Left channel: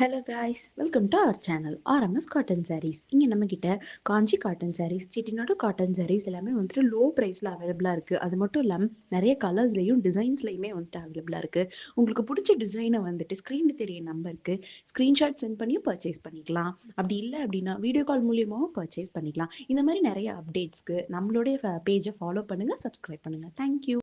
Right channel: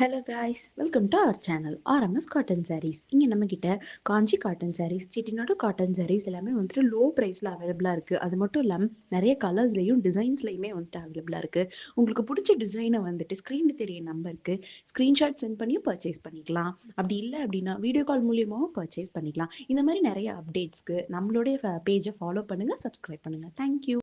Hello guys, welcome to our channel RMS cotton saris. இங்கே நம்மக்கிட்ட காஞ்சி cotton saris, Chettinad cotton saris எல்லாமே வந்துட்டு லோ ப்ரைஸில் அவைலபிளாக இருக்குது. அது மட்டும் இல்லாமல் நிறைய கலர்ஸ்லையும் டிசைன்ஸ்லையுமே வந்துட்டு அவைலபிளாக இருக்குது. உங்களுக்கு பிடிச்ச டிசைனை வந்துட்டு ஸ்க்ரீனில் தெரிய நம்பருக்கு ஸ்க்ரீன்ஷாட் சென்ட் பண்ணி பர்ச்சேஸ் பண்ணிக்கலாம். அப்படி இல்லை அப்படின்னா வீடியோ கால் மூலியமாகவும் பர்ச்சேஸ் பண்ணிக்கலாம். இந்த மாதிரி நிறைய அப்டேட்ஸ்க்கு நம்மளுடைய பேஜை ஃபாலோ பண்ணுங்கள், சப்ஸ்கிரைப் பண்ணுங்கள். தேங்க்யூ.